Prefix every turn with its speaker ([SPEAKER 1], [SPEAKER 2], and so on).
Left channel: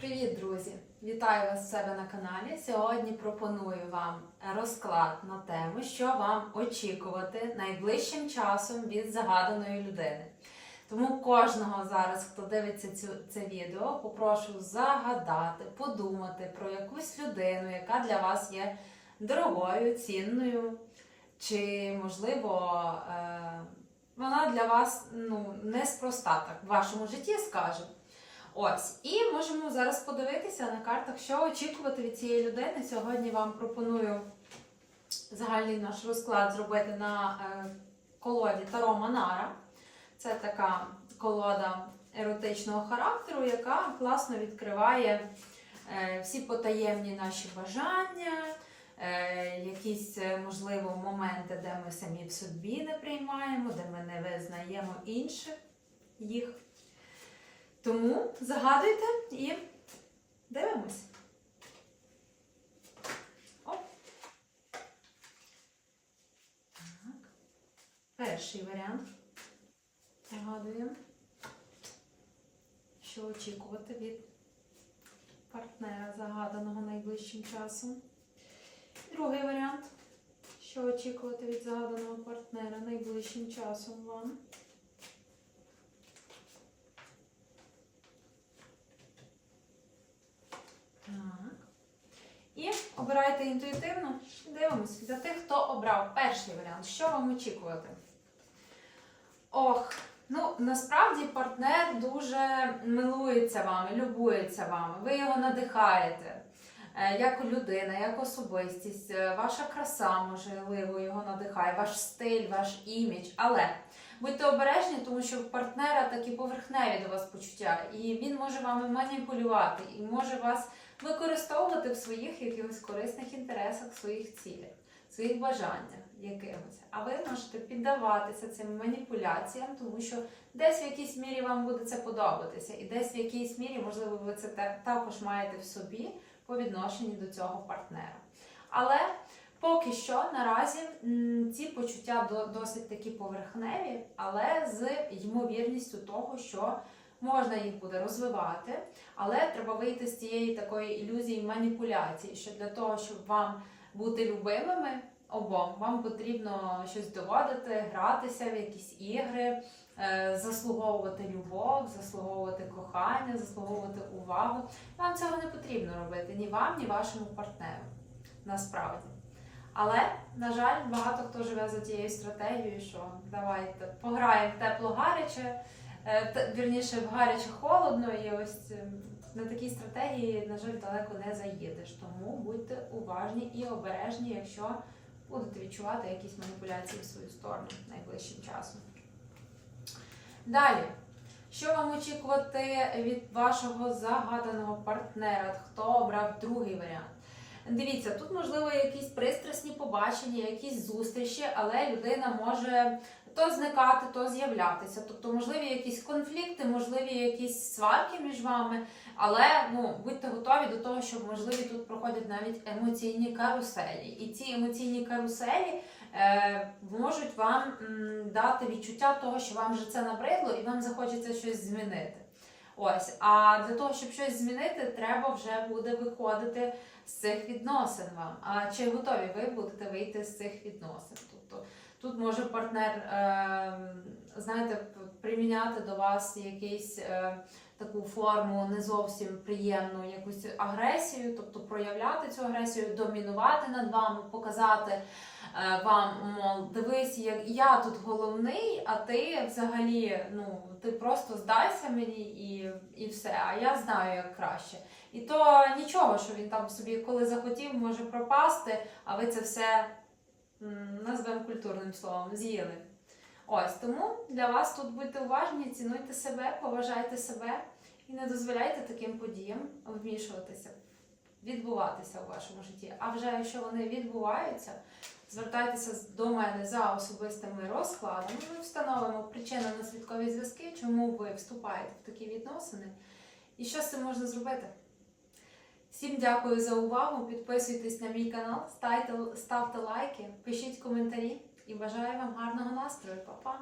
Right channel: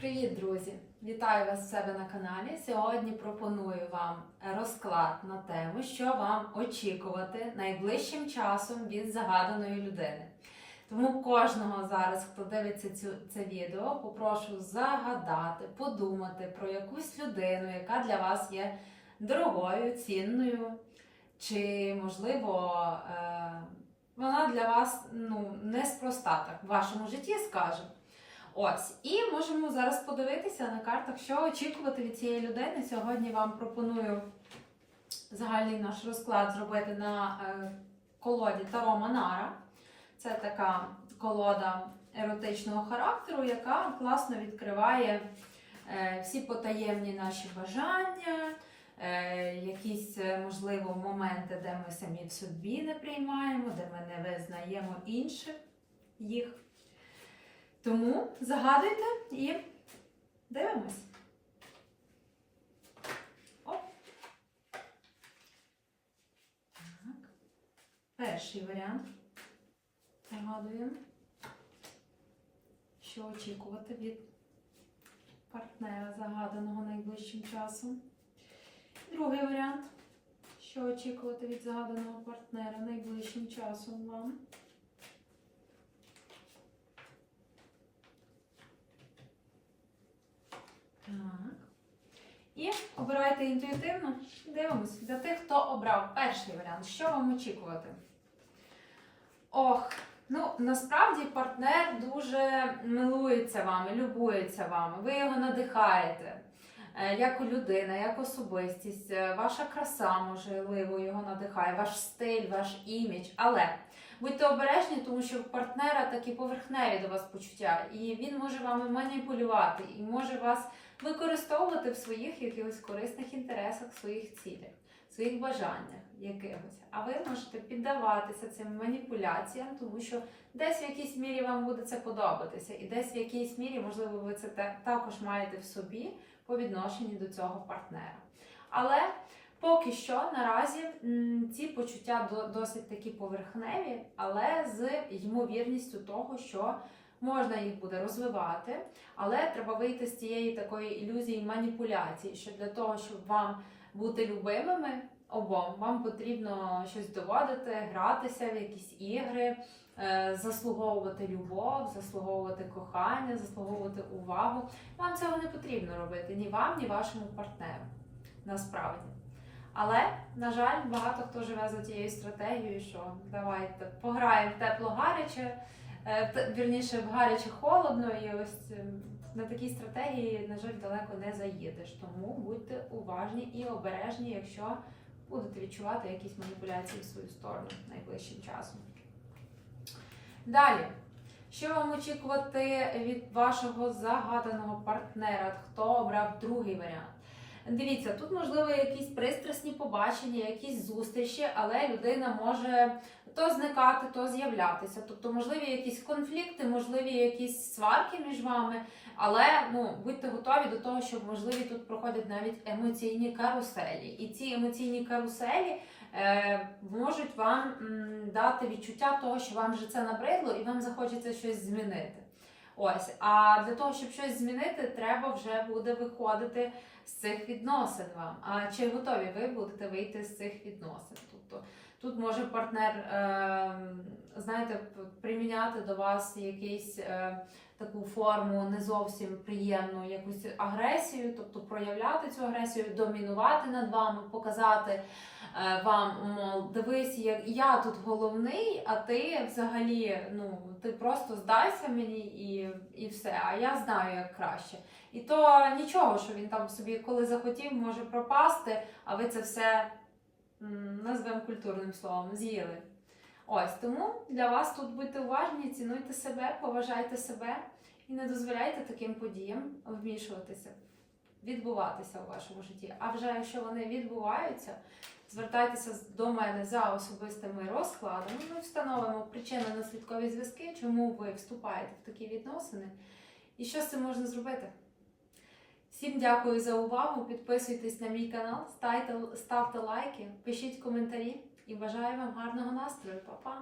[SPEAKER 1] Привіт, друзі! Вітаю вас в себе на каналі. Сьогодні пропоную вам розклад на тему, що вам очікувати найближчим часом від загаданої людини. Тому кожного зараз, хто дивиться цю, це відео, попрошу загадати, подумати про якусь людину, яка для вас є дорогою, цінною, чи, можливо, е, вона для вас ну, неспроста так в вашому житті, скажімо. Ось, і можемо зараз подивитися на картах, що очікувати від цієї людини. Сьогодні вам пропоную загальний наш розклад зробити на е, колоді Таро Манара. Це така колода еротичного характеру, яка класно відкриває е, всі потаємні наші бажання, е, якісь, можливо, моменти, де ми самі в собі не приймаємо, де ми не визнаємо інших їх. Тому загадуйте і дивимось. Оп. Так. Перший варіант. Загадуємо. Що очікувати від партнера загаданого найближчим часом. Другий варіант. Що очікувати від загаданого партнера найближчим часом вам. Так. І обирайте інтуїтивно. Дивимось. Для тих, хто обрав перший варіант, що вам очікувати? Ох, ну насправді партнер дуже милується вами, любується вами, ви його надихаєте. Е, Як людина, як особистість, е, ваша краса, можливо, його надихає, ваш стиль, ваш імідж. Але будьте обережні, тому що в партнера такі поверхневі до вас почуття, і він може вами маніпулювати і може вас використовувати в своїх якихось корисних інтересах, своїх цілях, своїх бажаннях якимось. А ви можете піддаватися цим маніпуляціям, тому що десь в якійсь мірі вам буде це подобатися, і десь в якійсь мірі, можливо, ви це також маєте в собі по відношенню до цього партнера. Але поки що наразі ці почуття досить такі поверхневі, але з ймовірністю того, що можна їх буде розвивати, але треба вийти з цієї такої ілюзії маніпуляції, що для того, щоб вам бути любимими обом, вам потрібно щось доводити, гратися в якісь ігри, е, заслуговувати любов, заслуговувати кохання, заслуговувати увагу. Вам цього не потрібно робити ні вам, ні вашому партнеру. Насправді. Але, на жаль, багато хто живе за тією стратегією, що давайте пограємо в тепло-гаряче, е, т- вірніше в гаряче холодно, і ось е, на такій стратегії, на жаль, далеко не заїдеш. Тому будьте уважні і обережні, якщо будете відчувати якісь маніпуляції в свою сторону найближчим часом. Далі. Що вам очікувати від вашого загаданого партнера? Хто обрав другий варіант? Дивіться, тут можливо якісь пристрасні побачення, якісь зустрічі, але людина може то зникати, то з'являтися. Тобто, можливі якісь конфлікти, можливі якісь сварки між вами, але ну будьте готові до того, що можливі тут проходять навіть емоційні каруселі. І ці емоційні каруселі е, можуть вам м, дати відчуття того, що вам вже це набридло, і вам захочеться щось змінити. Ось, а для того, щоб щось змінити, треба вже буде виходити з цих відносин вам. А чи готові ви будете вийти з цих відносин? Може партнер, е, знаєте, приміняти до вас якийсь. Е, Таку форму не зовсім приємну якусь агресію, тобто проявляти цю агресію, домінувати над вами, показати е, вам, мов, дивись, я, я тут головний, а ти взагалі, ну ти просто здайся мені і, і все. А я знаю як краще. І то нічого, що він там собі, коли захотів, може пропасти, а ви це все назвемо культурним словом, з'їли. Ось тому для вас тут будьте уважні, цінуйте себе, поважайте себе і не дозволяйте таким подіям вмішуватися, відбуватися у вашому житті. А вже якщо вони відбуваються, звертайтеся до мене за особистими розкладами. Ми встановимо причинно-наслідкові зв'язки, чому ви вступаєте в такі відносини і що з цим можна зробити. Всім дякую за увагу. Підписуйтесь на мій канал, ставте, лайки, пишіть коментарі і бажаю вам гарного настрою. Па-па!